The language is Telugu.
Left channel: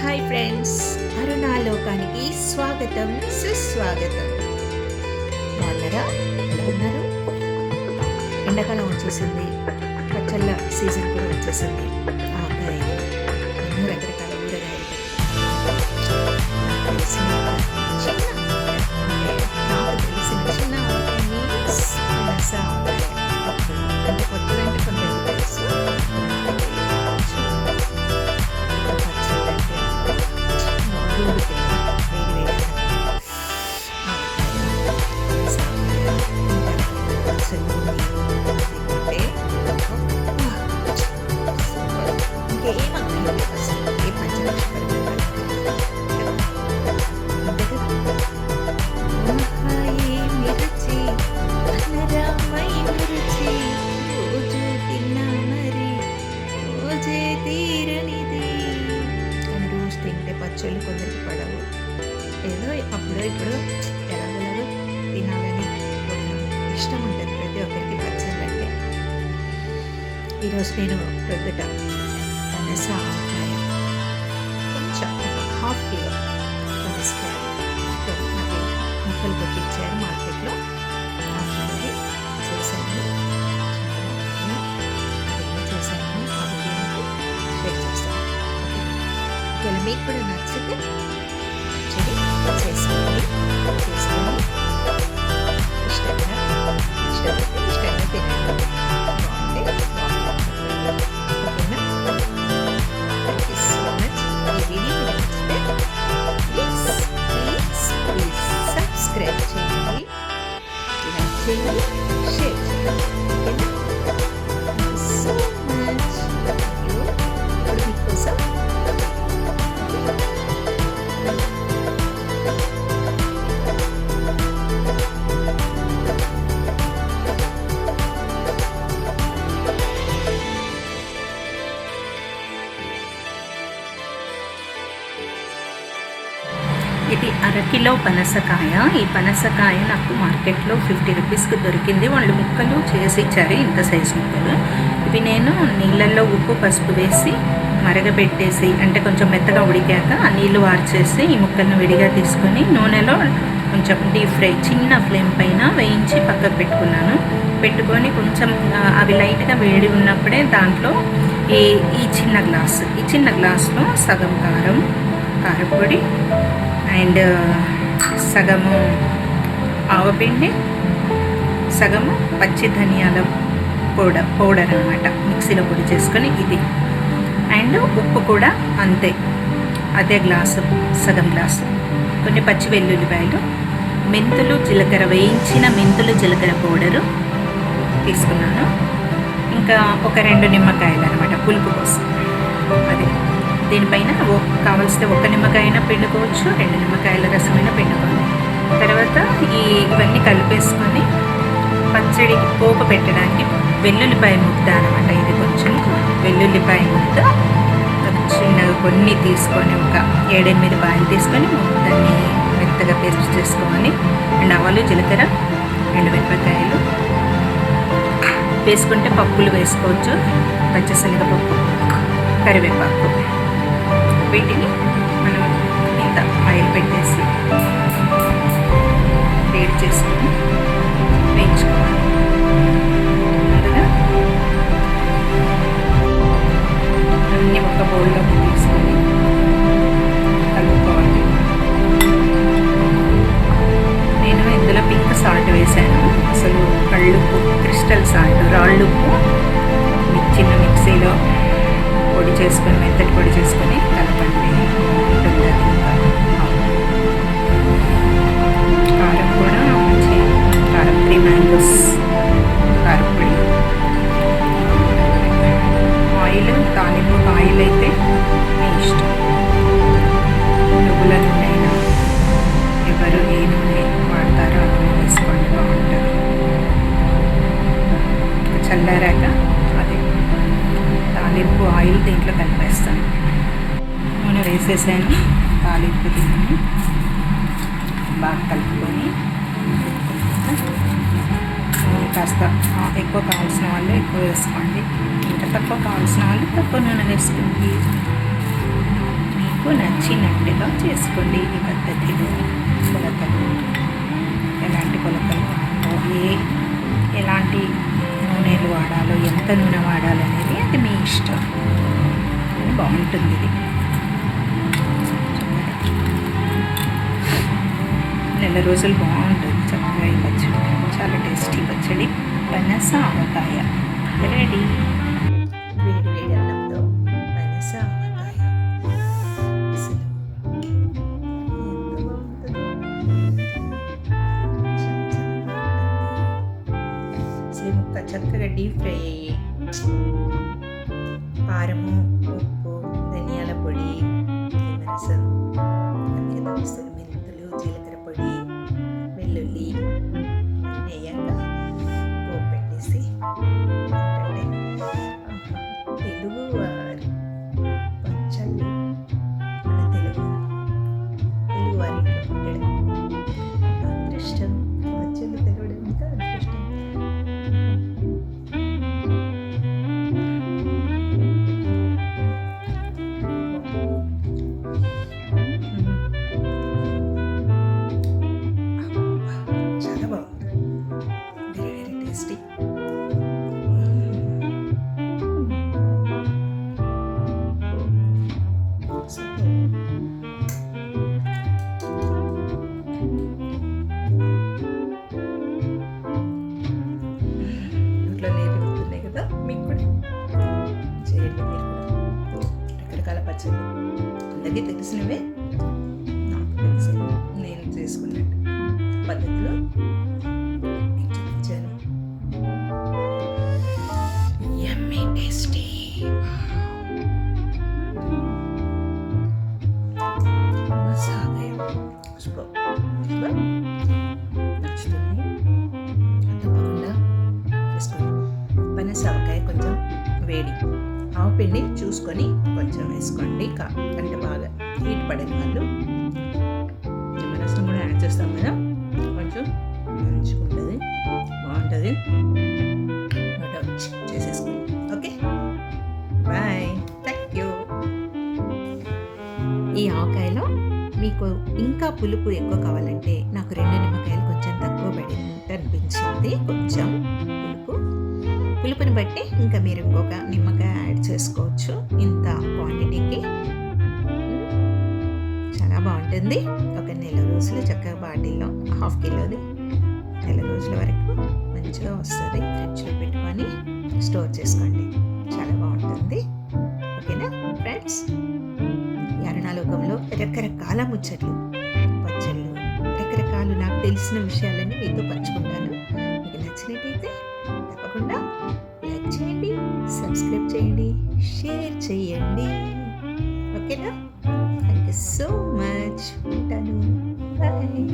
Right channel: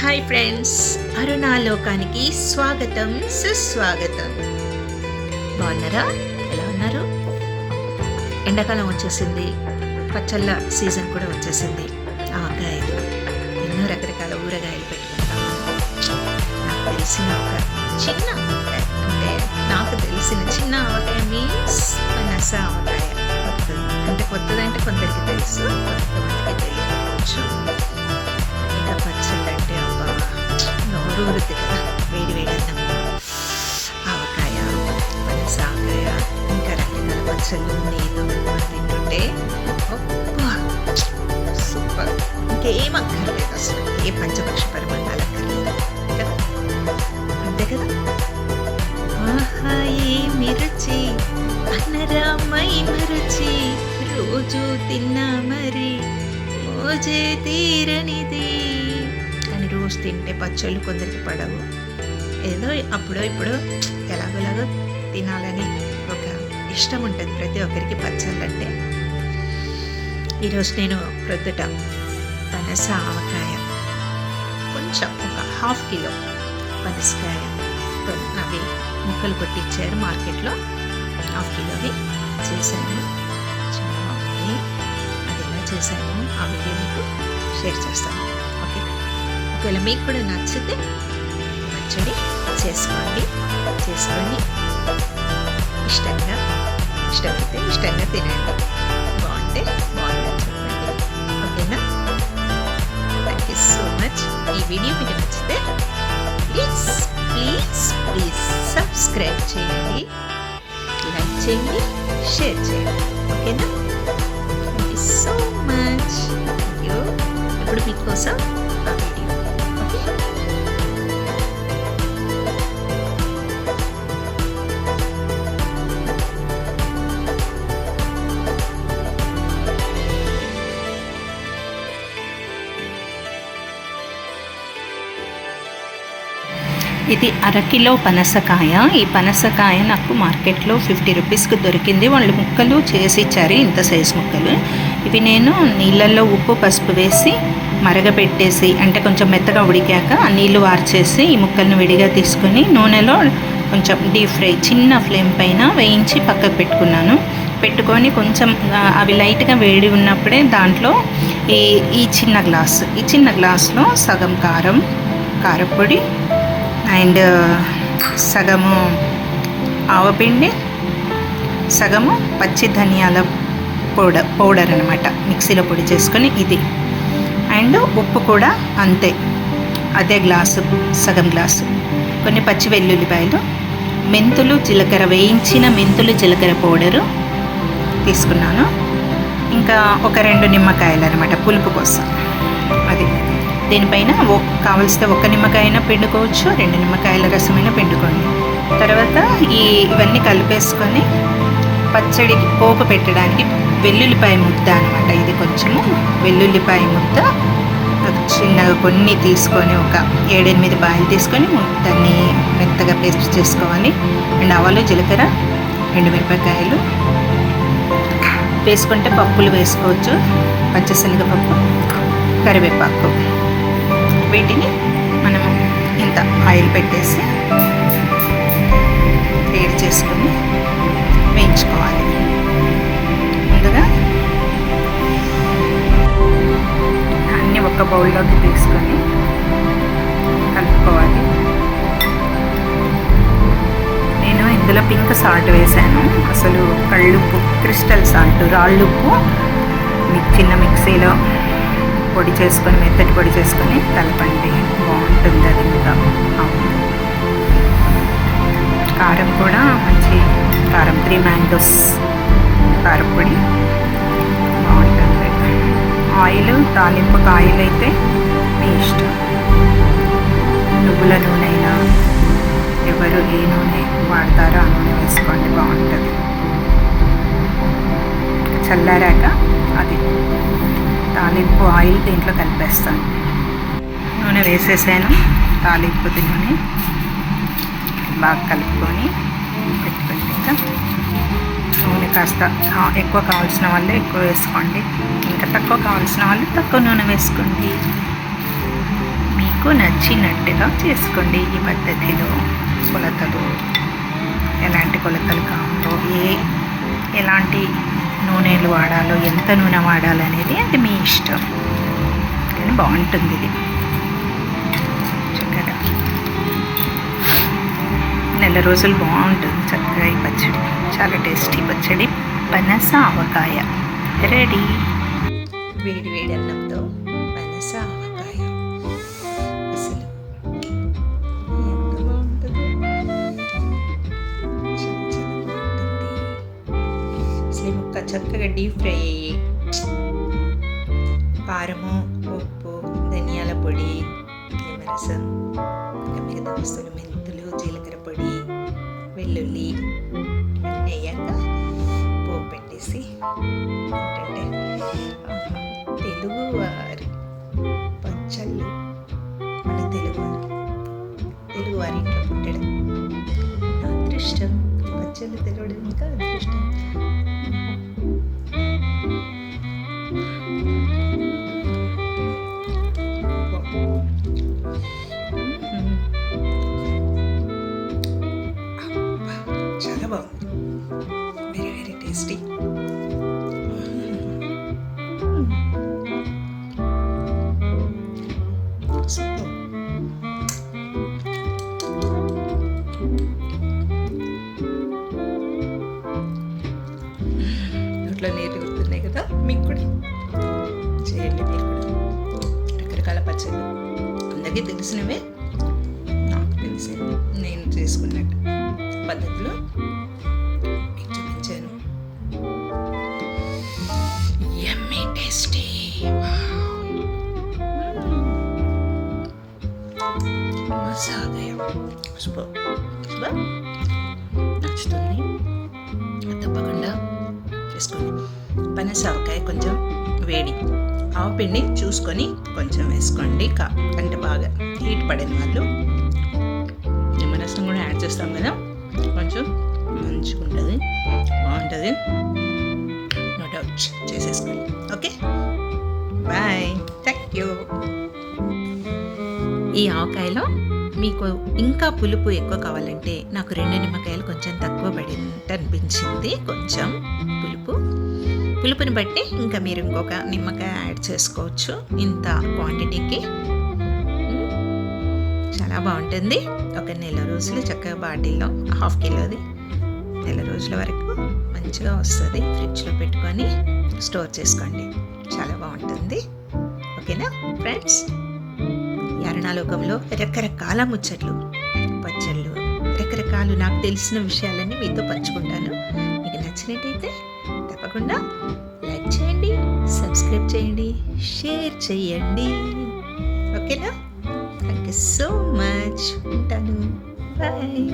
హాయ్ ఫ్రెండ్స్, అరుణాలోకానికి స్వాగతం సుస్వాగతం. బాగున్నారా? ఎలా ఉన్నారు? ఎండాకాలం వచ్చేసింది, పచ్చళ్ళ సీజన్ కూడా వచ్చేసింది. ఆవకాయలు, ఎన్నో రకరకాల ఊరగాయలు పెట్టుకుంటాము. నాకు తెలిసిన ఒక చిన్న ఆవకాయ, అంటే నాకు తెలిసిన చిన్న ఆవకాయ మీన్స్ పనస ఆవకాయ. అంటే కొత్తదంటే కొందరికి తెలుసు, కొంతమందికి తెలియకపోవచ్చు. ఇంకా పచ్చళ్ళు అంటే నోరూరు తిన్న వేడి వేడైన ఆవకాయ, పనస ఆవకాయ, ఇంకా రకరకాల పచ్చళ్ళు నీళ్ళు తింటుంటే సూపర్. ఇంకేం అక్కర్లేదు, అసలు ఏ పంచపక్ష పరిమాణాలు అక్కర్లేదు కదా, అంతే కదా. ఆహా ఏమి రుచి, అన్నరామైన రుచి, రోజు తిన్నా మరి రోజే తీరనిది. కానీ రోజు తింటే పచ్చళ్ళు కొందరికి పడవు, ఏదో అప్పుడో ఇప్పుడు ఎలాగోలాగో తినాలని ఒక ఇష్టం ఉంటుంది ప్రతి ఒక్కరికి పచ్చళ్ళు అంటే. ఈరోజు నేను ప్రొద్దుట పనస ఆవకాయ, కొంచెం ఒక 1/2 కిలో పనసకాయ అవి ముక్కలు కొట్టించారు మార్కెట్లో, 1/2 కిలోవి చేశాను. చాలా బాగుంది. అది ఎలా చేశాను ఆ వీడియో మీకు షేర్ చేస్తాను. ఓకే, ఒకవేళ మీకు కూడా నచ్చితే పచ్చడి చేసుకోండి, చేసుకొని ఇష్టమైతే ఇష్టంగా తినండి. బాగుంటే బాగుందని చెప్పండి. ఓకేనా? Thank you so much. ఈ వీడియో మీకు నచ్చితే ప్లీజ్ ప్లీజ్ ప్లీజ్ సబ్స్క్రైబ్ చేయండి, లైక్ చేయండి, షేర్ చేయండి. ఓకేనా? Thank you so much. Thank you. ఇప్పుడు మీకోసం ఆ వీడియో. ఓకే, ఇది 1/2 కిలో పనసకాయ. ఈ పనసకాయ నాకు మార్కెట్లో 50 రూపీస్కి దొరికింది. వాళ్ళు ముక్కలు చేసి ఇచ్చారు, ఇంత సైజు ముక్కలు. ఇవి నేను నీళ్ళల్లో ఉప్పు పసుపు వేసి మరగబెట్టేసి, అంటే కొంచెం మెత్తగా ఉడికాక ఆ నీళ్లు వార్చేసి ఈ ముక్కలను విడిగా తీసుకొని నూనెలో కొంచెం డీప్ ఫ్రై చిన్న ఫ్లేమ్ పైన వేయించి పక్కకు పెట్టుకున్నాను. పెట్టుకొని కొంచెం అవి లైట్గా వేడి ఉన్నప్పుడే దాంట్లో ఈ చిన్న గ్లాస్లో సగం కారపొడి అండ్ సగము ఆవపిండి, సగము పచ్చి ధనియాల పౌడర్ అనమాట, మిక్సీలో పొడి చేసుకొని ఇది. అండ్ ఉప్పు కూడా అంతే, అదే గ్లాసు, సగం గ్లాసు. కొన్ని పచ్చి వెల్లుల్లిపాయలు, మెంతులు జీలకర్ర, వేయించిన మెంతులు జీలకర్ర పౌడరు తీసుకున్నాను. ఇంకా ఒక 2 నిమ్మకాయలు అనమాట పులుపు కోసం. అది దీనిపైన కావలిస్తే 1 నిమ్మకాయ అయినా పిండుకోవచ్చు, 2 నిమ్మకాయల రసమైనా పిండుకోండి. తర్వాత ఇవన్నీ కలిపేసుకొని పచ్చడికి పోపు పెట్టడానికి వెల్లుల్లిపాయ ముద్ద అనమాట. ఇది కొంచెము వెల్లుల్లిపాయ ముద్ద చిన్నగా కొన్ని తీసుకొని, ఒక 7-8 బాయిలు తీసుకొని దాన్ని మెత్తగా పేస్ట్ చేసుకోవాలి. అండ్ ఆవాలు, జీలకర్ర, ఎండుమిరపకాయలు వేసుకుంటే పప్పులు వేసుకోవచ్చు, పచ్చిశనగపప్పు, కరివేపాకు. వీటిని మనం ఇంత ఆయిల్ పెట్టేసి వేడి చేసుకొని వేయించుకోవాలి. ముందుగా అన్నీ ఒక బౌల్లోకి తీసుకొని కలుపుకోవాలి. నేను ఇందులో పింక్ సాల్ట్ వేసాను, అసలు కళ్ళుప్పు, క్రిస్టల్ సాల్ట్, రాళ్ళుప్పు చిన్న మిక్సీలో పొడి చేసుకొని, మెత్తటి పొడి చేసుకొని కలపండి, బాగుంటుంది అది. ఇంకా కారం కూడా మంచి కారం, 3 మ్యాంగోస్ కారపొడి బాగుంటుంది. ఆయిల్, తాలింపుకి ఆయిల్ అయితే మీ ఇష్టం, నువ్వుల నూనె అయినా, ఎవరు ఏ నూనె వాడతారో ఆ నూనె వేసుకోండి, బాగుంటుంది. చల్లారాక అది తాలింపు ఆయిల్ దీంట్లో కలిపేస్తాను. నూనె వేసేసాను, తాలింపు నూనె బాగా కలుపుకొని పెట్టుకుంటాక నూనె నూనె కాస్త ఎక్కువ కావాల్సిన వాళ్ళు ఎక్కువ వేసుకోండి, ఇంకా తక్కువ కావాల్సిన వాళ్ళు తక్కువ నూనె వేసుకోండి. మీకు నచ్చినట్టుగా చేసుకోండి. ఈ పద్ధతిలో కొలతలు ఎలాంటి కొలతలు కావాలో, ఎలాంటి నూనెలు వాడాలో, ఎంత నూనె వాడాలనేది అది మీ ఇష్టం, కానీ బాగుంటుంది ఇది చక్కగా. నెల రోజులు బాగుంటుంది చక్కగా ఈ పచ్చడి. చాలా టేస్టీ పచ్చడి పనస ఆవకాయ రెడీ. వేడి వేడి అన్నంతో పనస ఆవకాయ అసలు ఎంత బాగుంటుంది. చాలా బాగుంటుంది అసలు. ఈ ముక్క చక్కగా డీప్ ఫ్రై అయ్యి కారము, ఉప్పు, ధనియాల పొడి, నిమ్మరసం, మిగతా వస్తువులు మెంతులు, జీలకర్ర పొడి, వెల్లుల్లి అన్నీ అయ్యాక పోపు పెట్టేసి ఏంటంటే తెలుగు వారి పచ్చళ్ళు, మన తెలుగు వారి ఇంట్లో పుట్టడం నా అదృష్టం. పచ్చళ్ళు తెలవడం ఇంకా అదృష్టం. చాలా బాగుంది, వెరీ వెరీ టేస్టీ. సూపర్. నోట్లో నీరు ఊరుతున్నాయి కదా, మీకు కూడా చేయండి. మీరు కూడా రకరకాల పచ్చళ్ళు అందరికీ తెలిసినవే, నాకు తెలిసే నేను చేసుకున్నట్టు పద్ధతిలో మీకు చూపించాను. Yummy tasty. సూపర్. నచ్చుతుంది, తప్పకుండా చేసుకోండి. పనస ఆవకాయ కొంచెం వేడి, ఆవపిండి చూసుకొని కొంచెం వేసుకోండి. అంటే బాగా హీట్ పడిన వాళ్ళు నిమ్మరసం కూడా యాడ్ చేస్తాం కదా, కొంచెం మంచుకుంటుంది, బాగుంటుంది. నో డౌట్ చేసేసుకోండి. Okay, bye, thank you. ఈ ఆవకాయలో మీకు ఇంకా పులుపు ఎక్కువ కావాలంటే నాకు 2 నిమ్మకాయలు కొంచెం తక్కువ పడినట్టు అనిపించింది. కొంచెం పులుపుని బట్టి ఇంకా మీరు ఇంకొక నిమ్మకాయ యాడ్ చేసుకోవచ్చు ఇంత క్వాంటిటీకి. చాలా బాగుంటుంది. ఒక నెల రోజులు చక్కగా బాటిల్లో 1/2 కిలోది నెల రోజుల వరకు మంచిగా వస్తుంది. ఫ్రిడ్జ్లో పెట్టుకొని స్టోర్ చేసుకోండి, చాలా బాగుంటుంది. ఓకేనా ఫ్రెండ్స్? యారణాలోకంలో రకరకాల ముచ్చట్లు, పచ్చళ్ళు, రకరకాలు నాకు తెలిసిన విషయాలన్నీ మీతో పంచుకుంటాను. మీకు నచ్చినట్టయితే తప్పకుండా లైక్ చేయండి, సబ్స్క్రైబ్ చేయండి, షేర్ చేయండి. ఓకేనా? Thank you so much. ఉంటాను. బాయ్.